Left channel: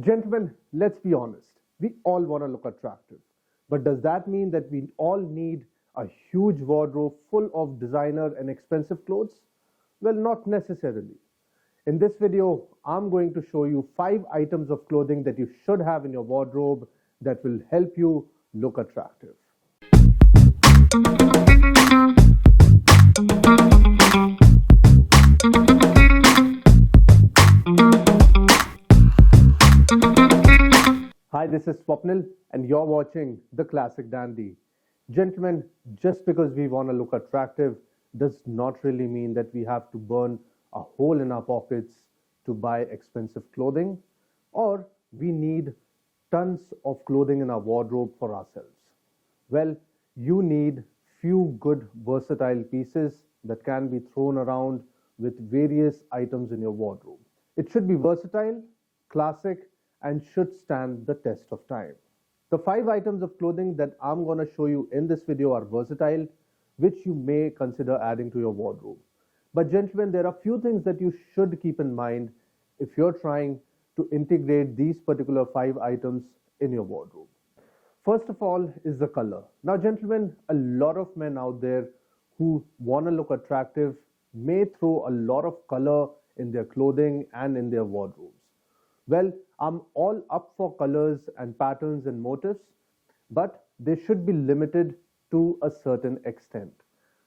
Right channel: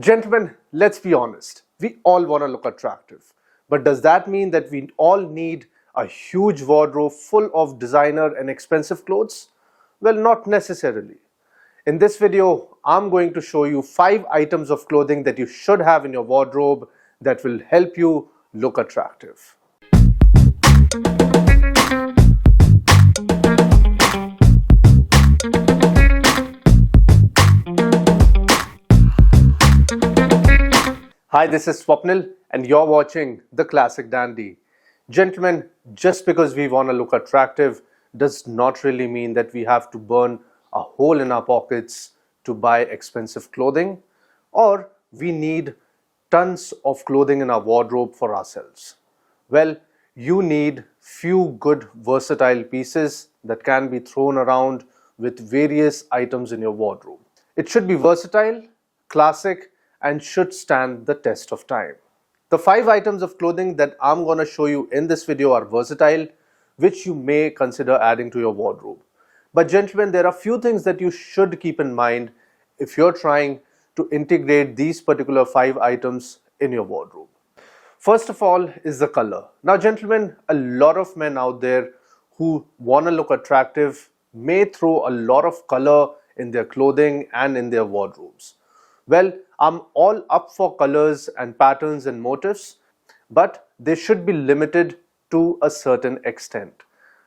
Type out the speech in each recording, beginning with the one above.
Gentlemen, let's be honest. We all want to look attractive. But does that mean that we all need a huge wardrobe full of designer and expensive clothes? Well, not necessarily. In this video, I'm going to show you 5 items of clothing that you should have in your wardrobe that will help you look attractive. Hi, this is Swapnil and you're watching The Classic Dandy. Gentlemen, just because we want to look attractive does not really mean that we have to burn a hole in our pockets to buy expensive clothing, or we need tons of clothing in our wardrobe for ourselves. Well, you need few good versatile pieces that can be thrown around with various items in your wardrobe. It should be versatile, classic, and should stand the test of time. The 5 items of clothing that I'm going to show you in this video are versatile, which you may consider adding to your wardrobe. But gentlemen, there are few things that you should keep in mind if you're trying to integrate these particular 5 items in your wardrobe. First of all is the color. Now gentlemen, a lot of men out there who want to look attractive may throw a lot of color in their clothing and in their wardrobes. Well, I'm all up for colors and patterns and motifs, but they should be limited to a certain extent.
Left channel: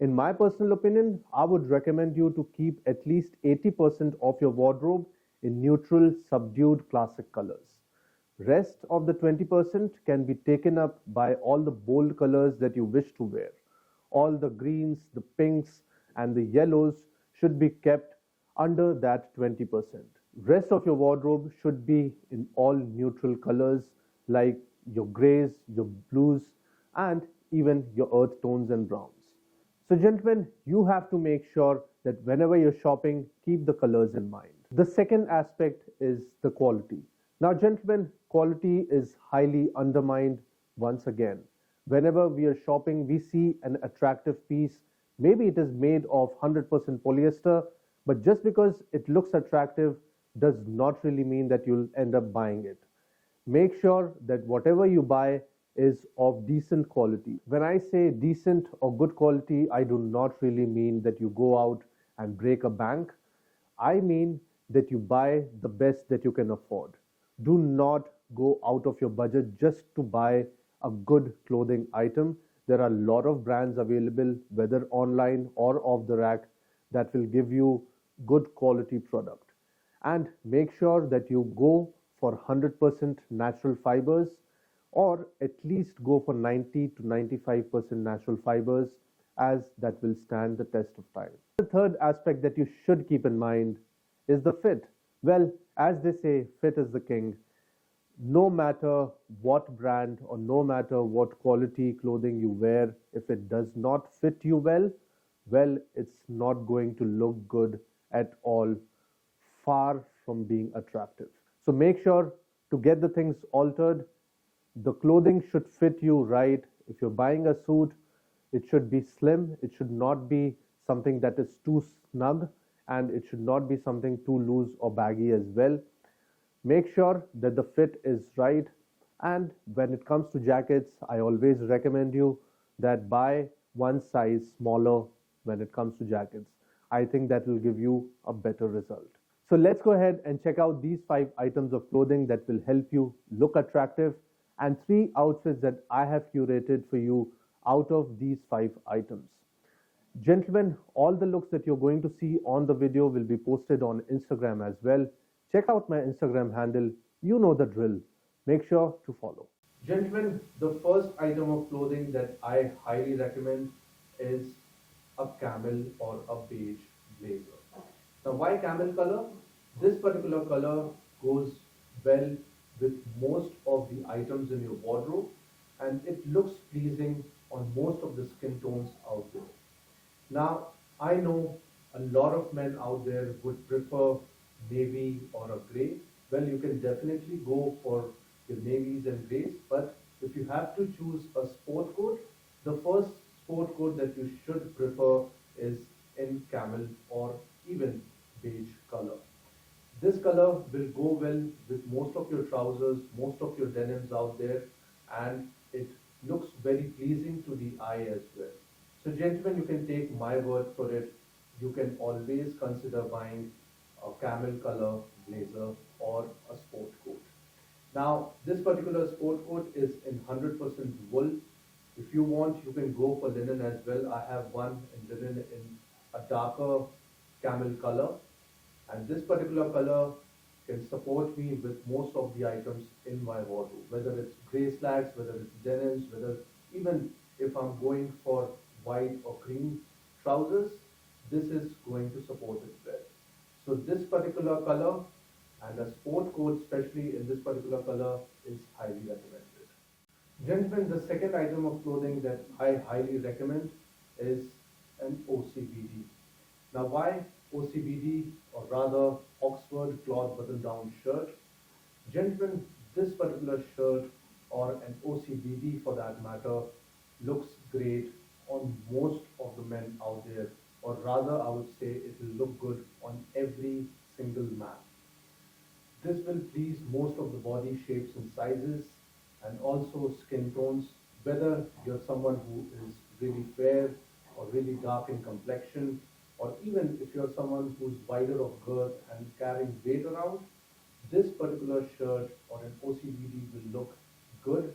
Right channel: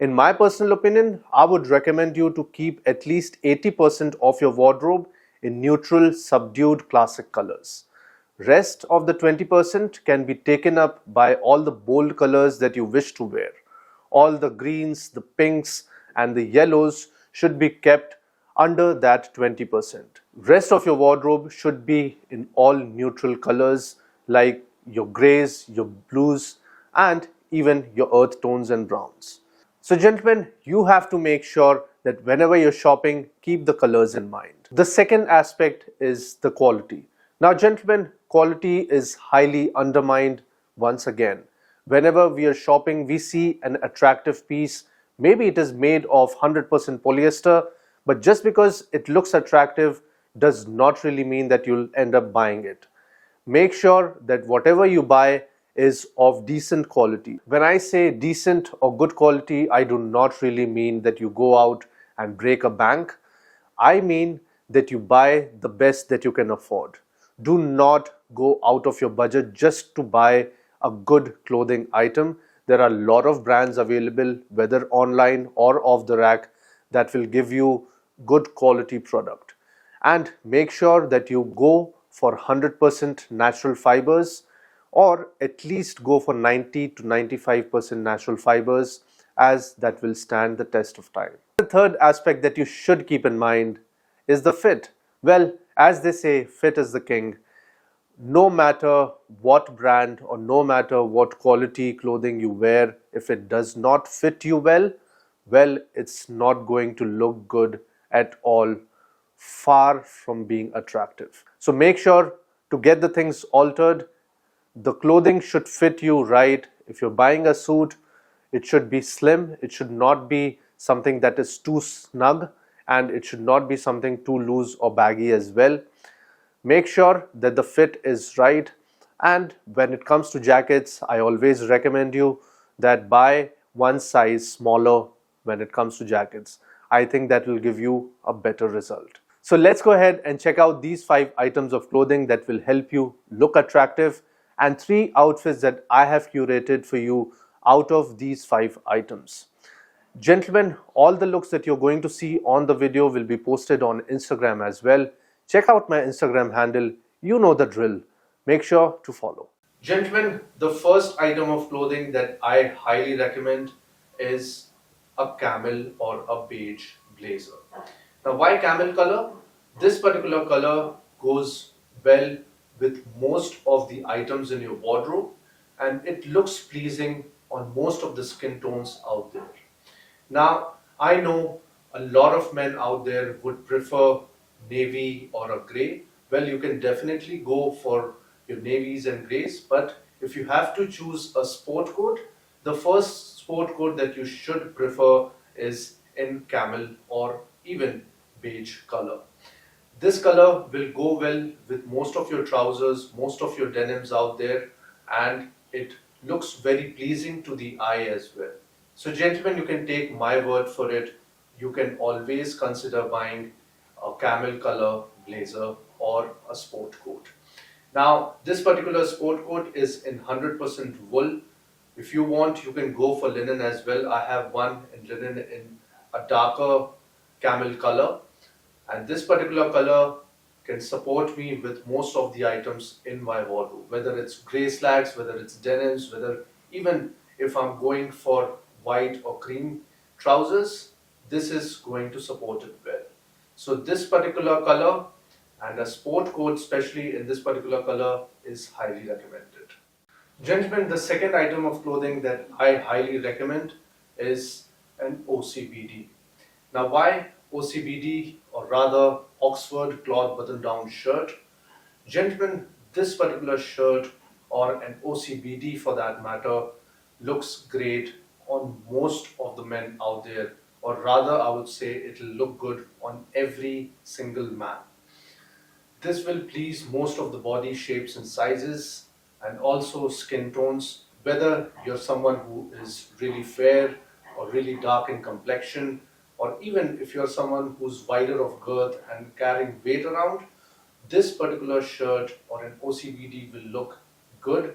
In my personal opinion, I would recommend you to keep at least 80% of your wardrobe in neutral, subdued, classic colors. Rest of the 20% can be taken up by all the bold colors that you wish to wear. All the greens, the pinks, and the yellows should be kept under that 20%. Rest of your wardrobe should be in all neutral colors like your grays, your blues, and even your earth tones and browns. So gentlemen, you have to make sure that whenever you're shopping, keep the colors in mind. The second aspect is the quality. Now gentlemen, quality is highly undermined once again. Whenever we are shopping, we see an attractive piece. Maybe it is made of 100% polyester, but just because it looks attractive does not really mean that you'll end up buying it. Make sure that whatever you buy is of decent quality. When I say decent or good quality, I do not really mean that you go out and break a bank. I mean that you buy the best that you can afford. Do not go out of your budget just to buy a good clothing item. There are a lot of brands available, whether online or off the rack, that will give you good quality product. And make sure that you go for 100% natural fibers, or at least go for 90 to 95% natural fibers, as that will stand the test of time. The third aspect that you should keep in mind is the fit. Well, as they say, fit is the king. No matter what brand or no matter what quality clothing you wear, if it does not fit you well, it's not going to look good at all, far from being attractive. So make sure to get the things altered. The clothing should fit you right. If you're buying a suit, it should be slim. It should not be something that is too snug, and it should not be something too loose or baggy as well. Make sure that the fit is right. And when it comes to jackets, I always recommend you that buy one size smaller when it comes to jackets. I think that will give you a better result. So let's go ahead and check out these 5 items of clothing that will help you look attractive, and 3 outfits that I have curated for you out of these 5 items. Gentlemen, all the looks that you're going to see on the video will be posted on Instagram as well. Check out my Instagram handle. You know the drill. Make sure to follow. Gentlemen, the first item of clothing that I highly recommend is a camel or a beige blazer. Now, why camel color? This particular color goes well with most of the items in your wardrobe, and it looks pleasing on most of the skin tones out there. Now, I know a lot of men out there would prefer navy or a grey. Well, you can definitely go for your navies and greys, but if you have to choose a sport coat, the first sport coat that you should prefer is in camel or even beige color. This color will go well with most of your trousers, most of your denims out there, and it looks very pleasing to the eye as well. So gentlemen, you can take my word for it. You can always consider buying a camel color blazer or a sport coat. Now, this particular sport coat is in 100% wool. If you want, you can go for linen as well. I have one in linen in a darker camel color, and this particular color can support me with most of the items in my wardrobe, whether it's grey slacks, whether it's denims, whether even if I'm going for white or cream trousers, this is going to support it well. So this particular color and a sport coat, especially in this particular color, is highly recommended. Gentlemen, the second item of clothing that I highly recommend is an OCBD. Now, why OCBD, or rather Oxford cloth button-down shirt? Gentlemen, this particular shirt, or an OCBD for that matter, looks great on most of the men out there, or rather I would say it will look good on every single man. This will please most of the body shapes and sizes, and also skin tones, whether you're someone who is really fair or really dark in complexion, or even if you're someone who's wider of girth and carrying weight around, this particular shirt or an OCBD will look good.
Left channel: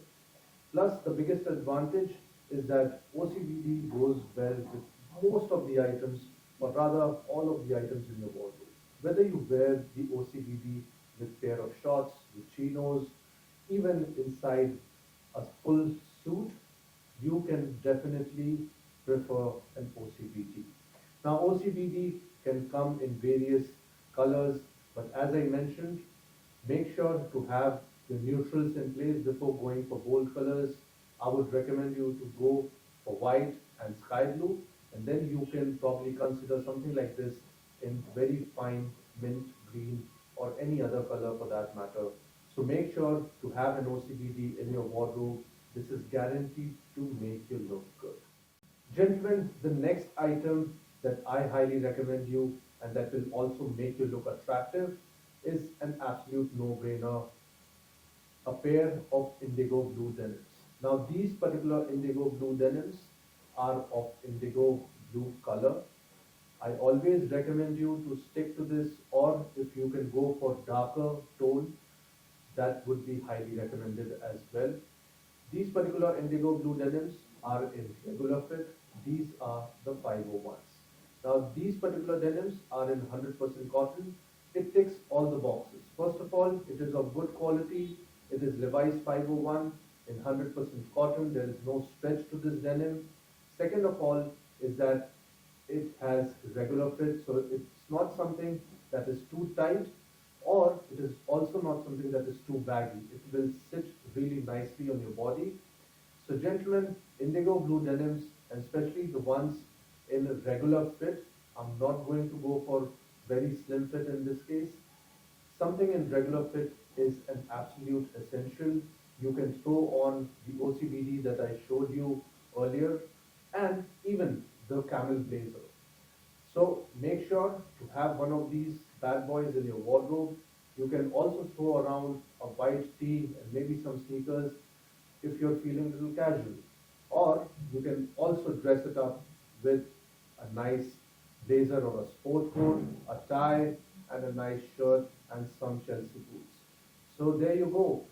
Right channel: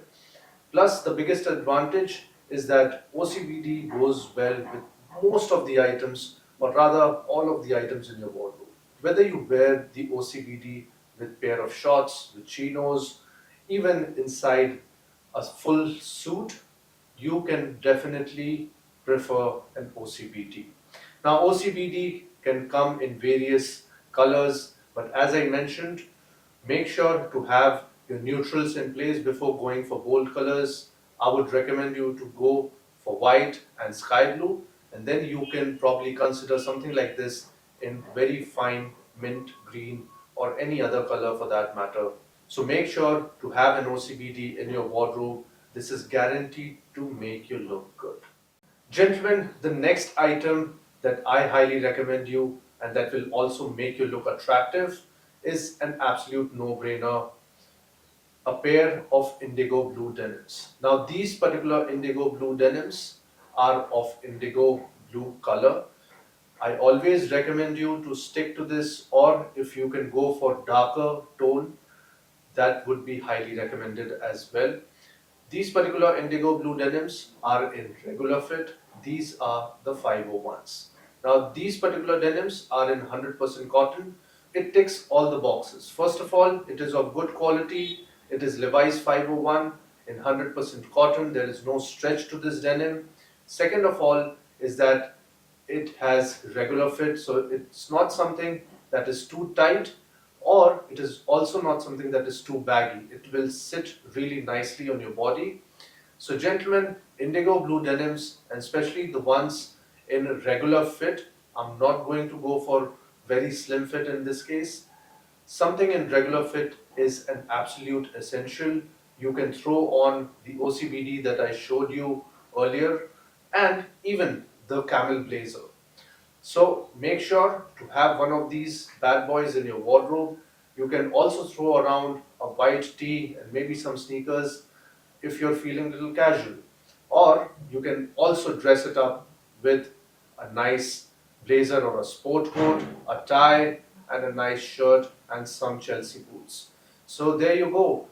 Plus, the biggest advantage is that OCBD goes well with most of the items, or rather all of the items in your wardrobe. Whether you wear the OCBD with pair of shorts, with chinos, even inside a full suit, you can definitely prefer an OCBD. Now, OCBD can come in various colors, but as I mentioned, make sure to have your neutrals in place before going for bold colors. I would recommend you to go for white and sky blue, and then you can probably consider something like this in very fine mint green or any other color for that matter. So make sure to have an OCBD in your wardrobe. This is guaranteed to make you look good. Gentlemen, the next item that I highly recommend you and that will also make you look attractive is an absolute no-brainer, a pair of indigo blue denims. Now, these particular indigo blue denims are of indigo blue color. I always recommend you to stick to this, or if you can go for darker tone, that would be highly recommended as well. These particular indigo blue denims are in regular fit. These are the 501s. Now, these particular denims are in 100% cotton. It ticks all the boxes. First of all, it is of good quality. It is Levi's 501 in 100% cotton. There is no stretch to this denim. Second of all is that it has regular fit, so it's not something that is too tight, or it is also not something that is too baggy. It will sit really nicely on your body. So gentlemen, indigo blue denims, and especially the ones in regular fit, I'm not going to go for very slim fit in this case. Something in regular fit is an absolute essential. You can throw on the OCBD that I showed you earlier, and even the camel blazer. So make sure to have one of these bad boys in your wardrobe. You can also throw around a white tee and maybe some sneakers if you're feeling a little casual. Or you can also dress it up with a nice blazer or a sport coat, a tie, and a nice shirt and some Chelsea boots. So there you go.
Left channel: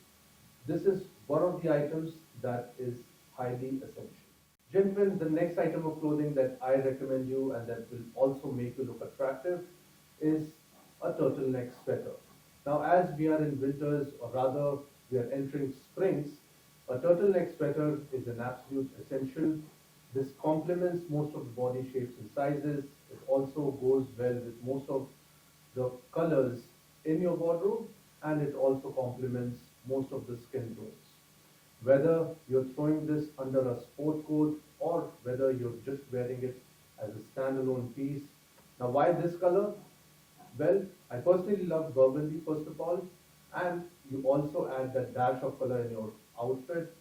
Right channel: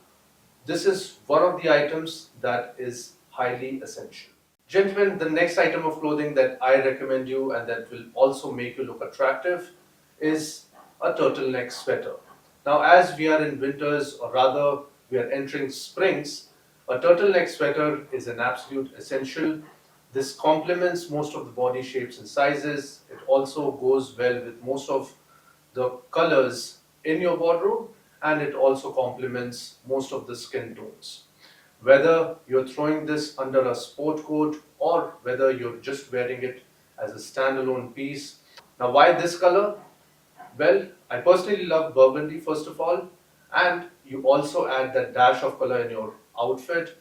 This is one of the items that is highly essential. Gentlemen, the next item of clothing that I recommend you and that will also make you look attractive is a turtleneck sweater. Now, as we are in winters, or rather we are entering springs, a turtleneck sweater is an absolute essential. This complements most of the body shapes and sizes. It also goes well with most of the colors in your wardrobe, and it also complements most of the skin tones. Whether you're throwing this under a sport coat or whether you're just wearing it as a standalone piece. Now, why this color? Well, I personally love burgundy first of all, and you also add that dash of color in your outfit.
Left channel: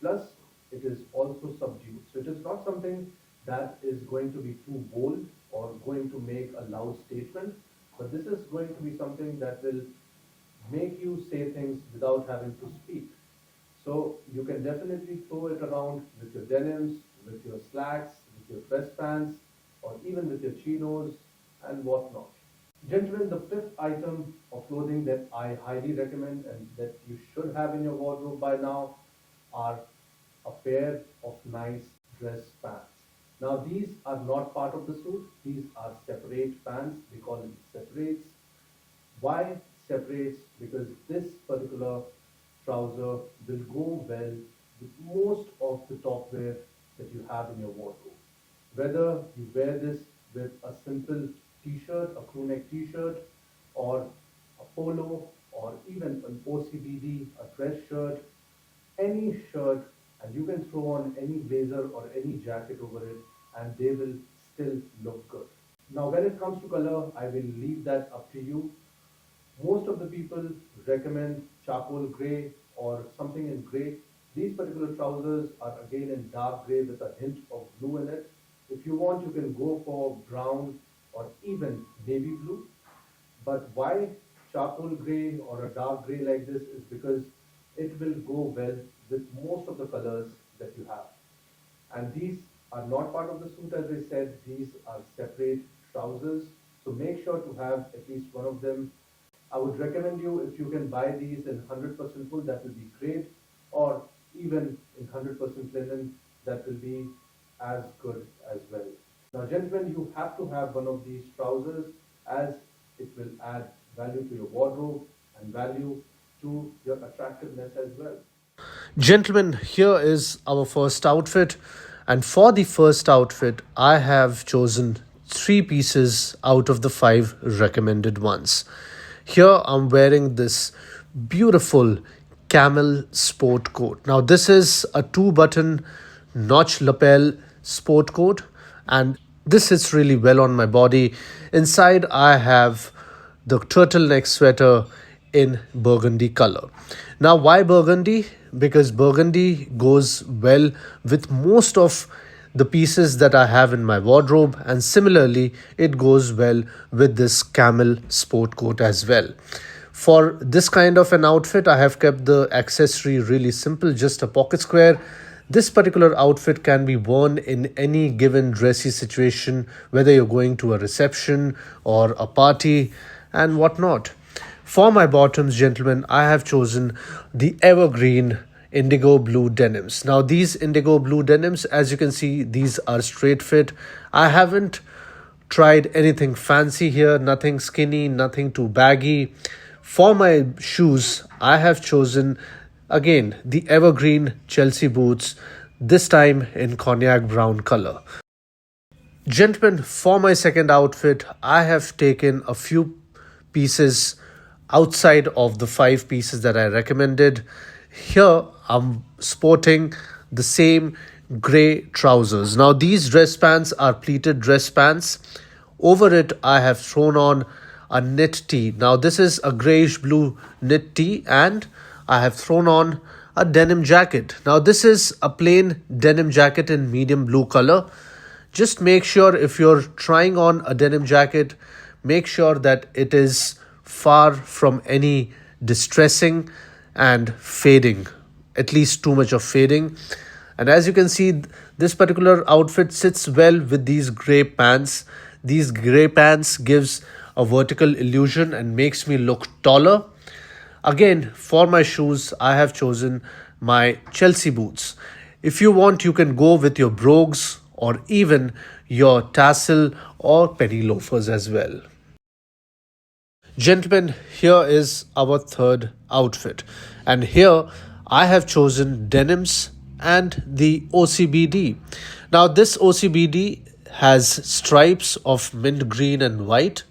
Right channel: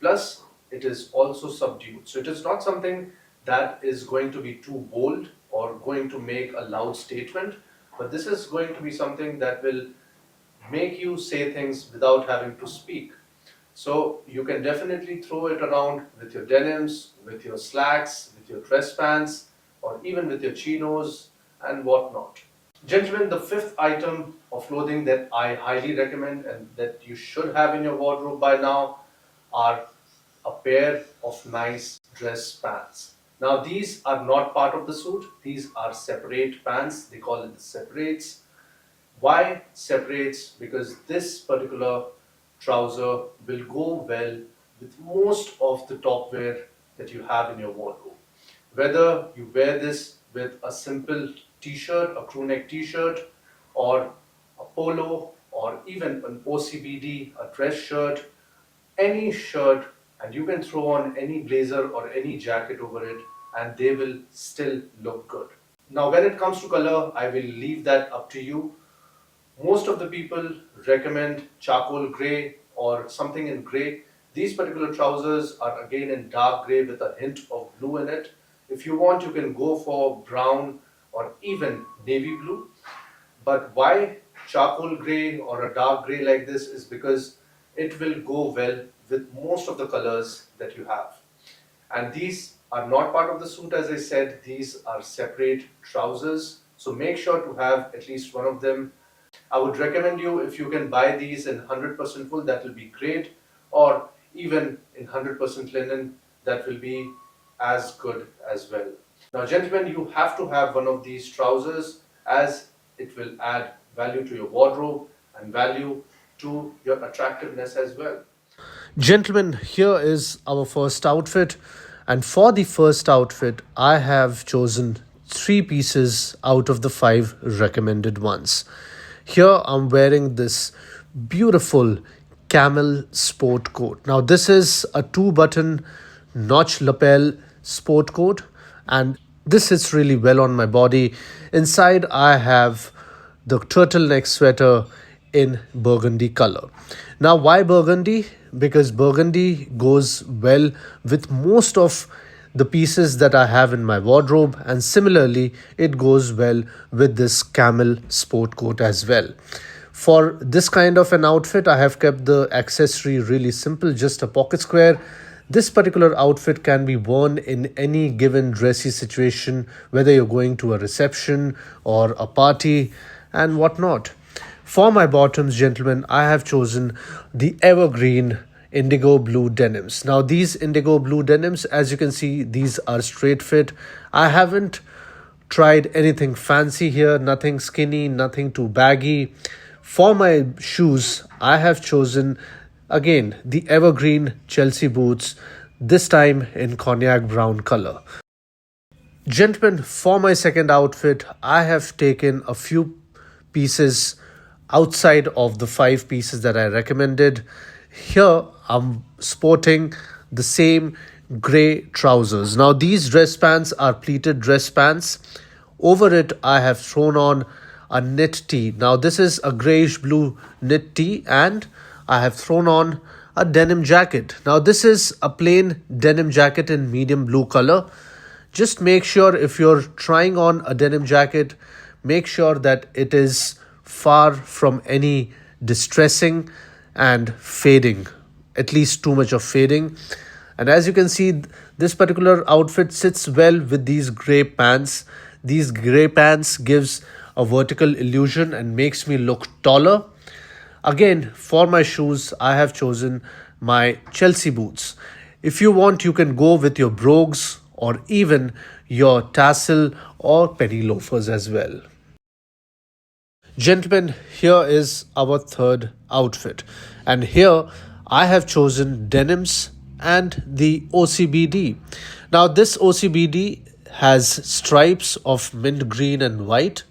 Plus, it is also subdued. So it is not something that is going to be too bold or going to make a loud statement. but this is going to be something that will make you say things without having to speak. So you can definitely throw it around with your denims, with your slacks, with your dress pants, or even with your chinos and whatnot. Gentlemen, the fifth item of clothing that I highly recommend and that you should have in your wardrobe by now are a pair of nice dress pants. Now these are not part of the suit, these are separate pants, they call it the separates. Why separates? Because this particular trouser will go well with most of the top wear that you have in your wardrobe. Whether you wear this with a simple t-shirt, a crew neck t-shirt, or a polo, or even an OCBD, a dress shirt, any shirt, and you can throw on any blazer or any jacket over it, and they will still look good. Now when it comes to color, I will leave that up to you. Most of the people recommend charcoal grey or something in grey. These particular trousers are again in dark grey with a hint of blue in it. If you want, you can go for brown or even navy blue. But why charcoal grey or a dark grey like this is because it will go well with most of the colors that you have. And these are not part of the suit, as I said, these are separate trousers. So make sure to have at least one of them. I would recommend you, if you can buy these in 100% wool, that will be great, or even in 100% linen, that will be as good as well. Now gentlemen, you have to have one of these trousers as it will add value to your wardrobe and value to your attractiveness as well. Gentlemen, here is our first outfit, and for the first outfit I have chosen 3 pieces out of the 5 recommended ones. Here I'm wearing this beautiful camel sport coat. Now this is a 2-button notch lapel sport coat, and this sits really well on my body. Inside I have the turtleneck sweater in burgundy color. Now why burgundy? Because burgundy goes well with most of the pieces that I have in my wardrobe, and similarly it goes well with this camel sport coat as well. For this kind of an outfit, I have kept the accessory really simple, just a pocket square. This particular outfit can be worn in any given dressy situation, whether you're going to a reception or a party and whatnot. For my bottoms, gentlemen, I have chosen the evergreen indigo blue denims. Now these indigo blue denims, as you can see, these are straight fit. I haven't tried anything fancy here, nothing skinny, nothing too baggy. For my shoes, I have chosen again the evergreen Chelsea boots, this time in cognac brown color. Gentlemen, for my second outfit, I have taken a few pieces outside of the 5 pieces that I recommended. Here I'm sporting the same grey trousers. Now these dress pants are pleated dress pants. Over it I have thrown on a knit tee. Now this is a grayish blue knit tee, and I have thrown on a denim jacket. Now this is a plain denim jacket in medium blue color. Just make sure, if you're trying on a denim jacket, make sure that it is far from any distressing and fading, at least too much of fading. And as you can see, this particular outfit sits well with these grey pants. These grey pants gives a vertical illusion and makes me look taller. Again, for my shoes, I have chosen my Chelsea boots. If you want, you can go with your brogues or even your tassel or penny loafers as well. Gentlemen, here is our third outfit, and here I have chosen denims and the OCBD. Now this OCBD has stripes of mint green and white.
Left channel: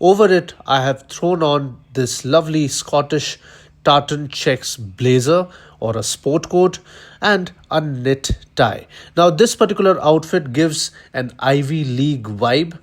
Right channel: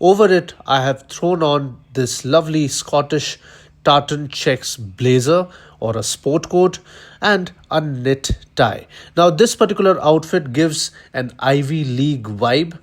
Over it I have thrown on this lovely Scottish tartan checks blazer or a sport coat and a knit tie. Now this particular outfit gives an Ivy League vibe,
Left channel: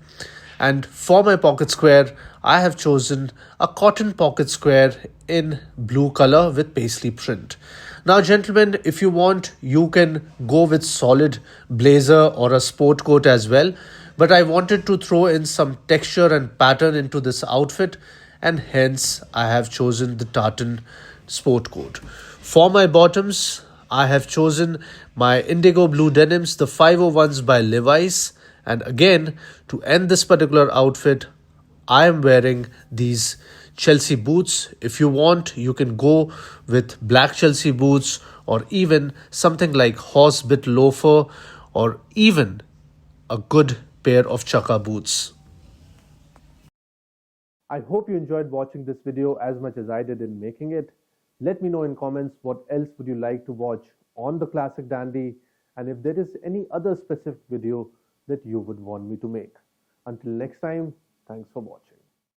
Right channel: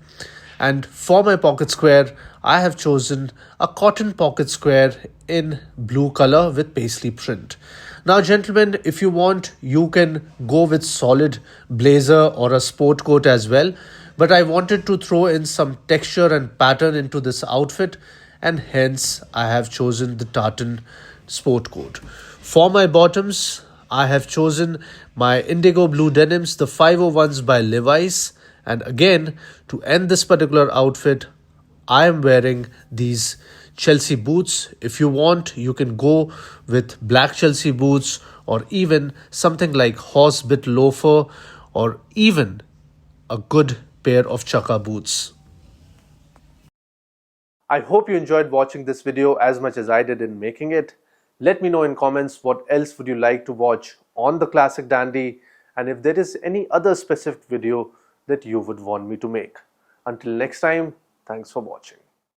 and for my pocket square I have chosen a cotton pocket square in blue color with paisley print. Now gentlemen, if you want, you can go with solid blazer or a sport coat as well, but I wanted to throw in some texture and pattern into this outfit, and hence I have chosen the tartan sport coat. For my bottoms, I have chosen my indigo blue denims, the 501s by Levi's, and again, to end this particular outfit, I am wearing these Chelsea boots. If you want, you can go with black Chelsea boots or even something like horsebit loafer or even a good pair of chukka boots. I hope you enjoyed watching this video as much as I did in making it. Let me know in comments what else would you like to watch on the Classic Dandy, and if there is any other specific video that you would want me to make. Until next time, thanks for watching.